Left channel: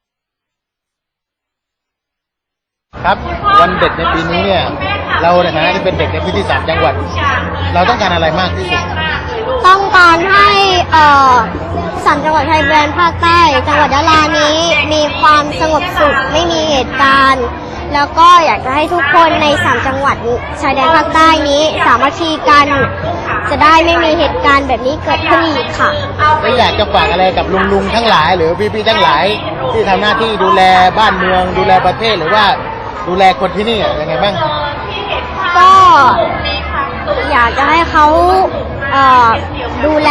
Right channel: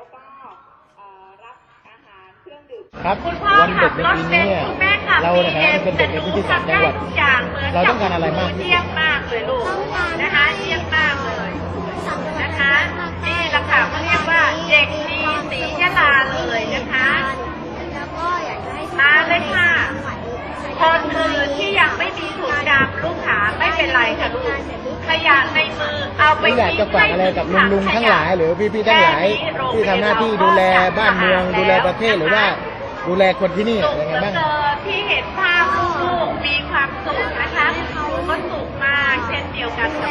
แล้วก็รับอาหารเครื่องดื่มครับวันเด็กในปีนี้เนี่ยเราในฐานะที่เป็นเด็กในพื้นที่สามจังหวัด เราต้องการอะไรมากที่สุดต้องการให้สามจังหวัดชายแดนภาคใต้จังหวัดยะลานี้มีความสงบสุขไม่มีเหตุการณ์ แล้วก็อยากจะให้ทุกคนในสามจังหวัดชายแดนภาคใต้นี้สามัคคีกัน จะได้ไม่มีเหตุการณ์แบบนี้เกิดขึ้นอีกค่ะ อยากจะฝากอะไรกับลุงลุงๆทั้งหลาย หรือพี่ๆทั้งหลาย ที่ทำหน้าที่ดูแลบ้านเมือง ดูแลประเทศหรือว่าดูแลคนที่นี่อะยังไงบ้างก็อยากจะให้เขาเอ่อดูแล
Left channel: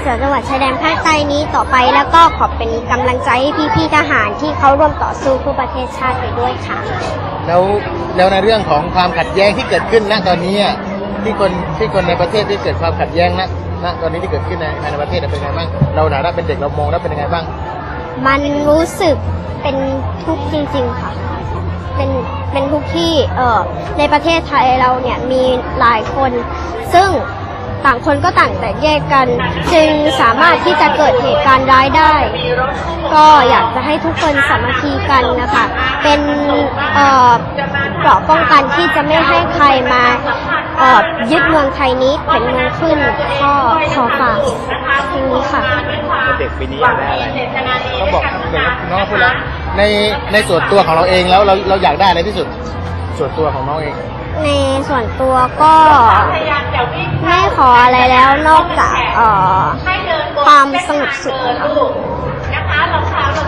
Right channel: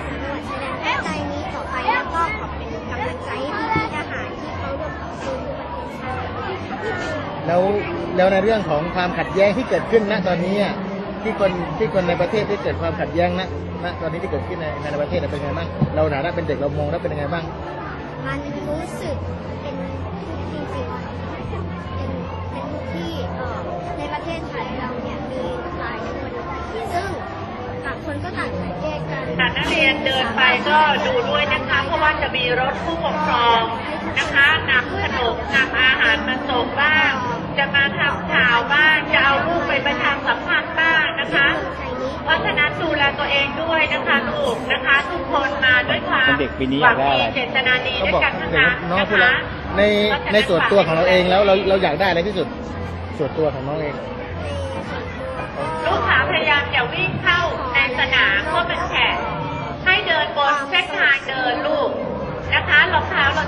เสือจังหวัดชายแดนภาคใต้นี้ต่อไปแล้วก็ขอเป็นกำลังใจให้พี่ๆทหารที่เขาร่วมต่อสู้เพื่อประเทศชาติไปด้วยค่ะ แล้วแล้วในเรื่องของความขัดแย้งที่เกิดขึ้นณตอนนี้อะที่คนที่คนในประเทศที่เกิดความขัดแย้งณ ณตอนนี้ที่เกิดขึ้นในภายในประเทศเป็นไงบ้างเราหนาได้เป็นเด็กเรามองแล้วเป็นยังไงบ้าง มันรู้สึกเป็นทุกข์จริงๆค่ะ เป็นเป็นทุกข์ที่เออในประเทศไทยเราเนี่ยมีหลายคน ซึ่ง ต่างคนก็ต่างแตกแยกกัน จึงสามารถที่จะเกิดเหตุการณ์ร้ายได้ ก็อยากจะให้ทุกคนสามัคคีกันนะคะ เป็นเกราะป้องกันที่จะไม่ให้ใครมาเยึดเมืองไทยนี้เป็นเมืองขึ้นก็ขอฝากตรงนี้ค่ะเด็กปีนี้อยากได้อะไรเขาบอกเด็กน้องพูดแล้วในในส่วนตัวของเราเองแล้วเราเราอยากได้อะไรที่สุด ส่วนตัวของน้องเอง ในส่วนตัวก็ไม่ขออะไรแล้วนอกจากเอ่อความสงบสุขค่ะ